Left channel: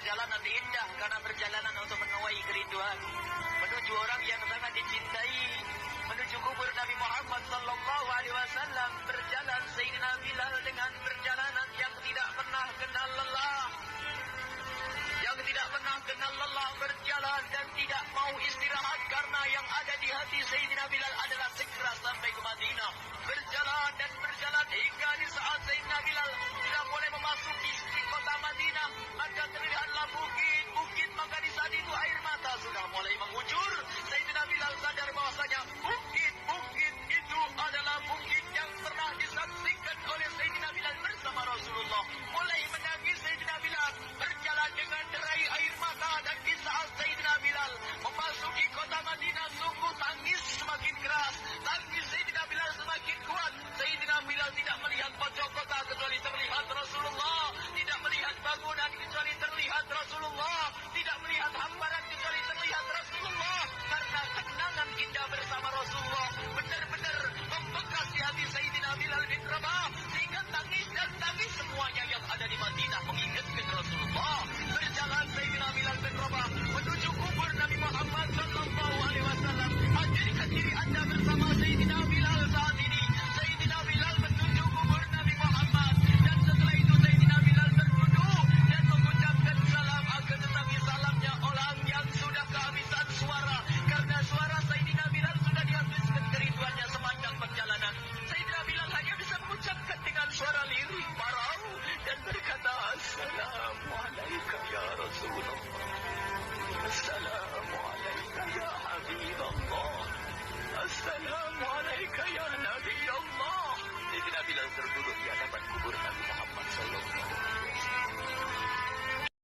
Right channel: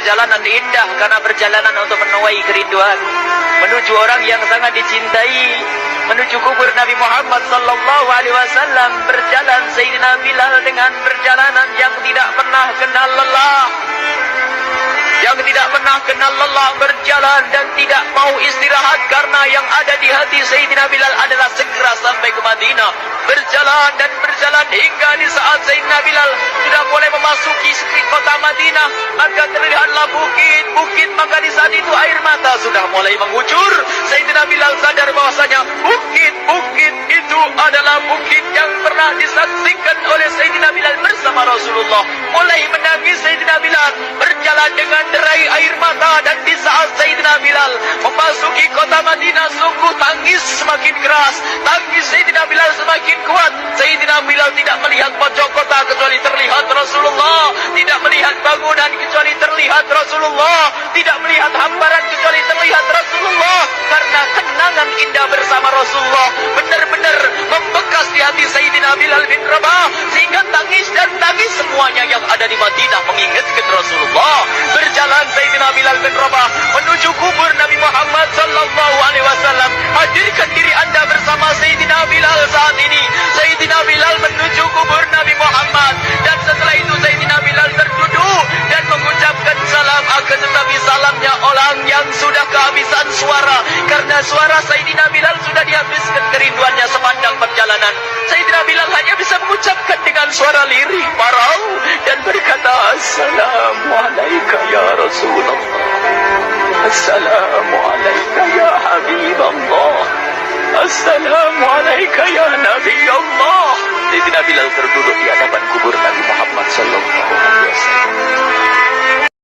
perjalanan indah karena perjalanan untuk menuai kerinduan menuju orang yang sangat dicintai, menuju kubur Nabi Muhammad sallallahu alaihi wasallam. Berjalan Sayyidina Bilal dengan perjalanan yang tidak pernah kenal lelah, yang tidak pernah kenal lelah, berjalan dan tidak mau istirahat karena yang ada di hati Sayyidina Bilal adalah segera sampai ke Madinah. Berjalan dan berjalan hingga di saat Sayyidina Bilal sudah mulai memasuki street kota Madinah, maka terlihatlah bukit-bukit, maka di saat itu air mata sudah mulai mengucur. Sayyidina Bilal sadar bahwasanya bukit-bukit itu adalah bukit yang pernah disaksikan oleh Sayyidina Bilal bersama Rasulullah. Mulai menangis Sayyidina Bilal, berjalan dengan derai air mata, dan di saat Sayyidina Bilal memasuki kota Madinah, sungguh tangis semakin keras, tangis Sayyidina Bilal semakin kuat. Sayyidina Bilal tidak melihat pojok kota kecuali terlihat Rasulullah, tidak melihat bangunan kecuali terlihat Rasulullah, tidak melihat hamparan kecuali terlihat Rasulullah, karena kenangan indah bersama Rasulullah benar-benar membekas di hati Sayyidina Bilal bin Rabah, sehingga tangis dan tangis semuanya yang ada di Madinah mengingatkan Rasulullah. Berjalan Sayyidina Bilal bin Rabah menuju kubur Nabi Muhammad sallallahu alaihi wasallam. Hadirkan diri anda bersama Sayyidina Bilal saat ini. Sayyidina Bilal menuju kubur Nabi Muhammad, dan setelah itu Sayyidina Bilal terduduk dan mengucapkan salam, akan tetapi salamnya orang yang sudah kehabisan suara, karena suara Sayyidina Bilal sudah dihabiskan kerinduannya sepanjang perjalanan. Sayyidina Bilal hanya bisa mengucapkan dengan suara lirih parau dan berkata, Assalamualaikum ya Rasulullah, Assalamualaikum ya Habibullah, Assalamualaikum ya Nabi Allah. Sayyidina Bilal terduduk di hadapan kubur Nabi Muhammad sallallahu alaihi wasallam.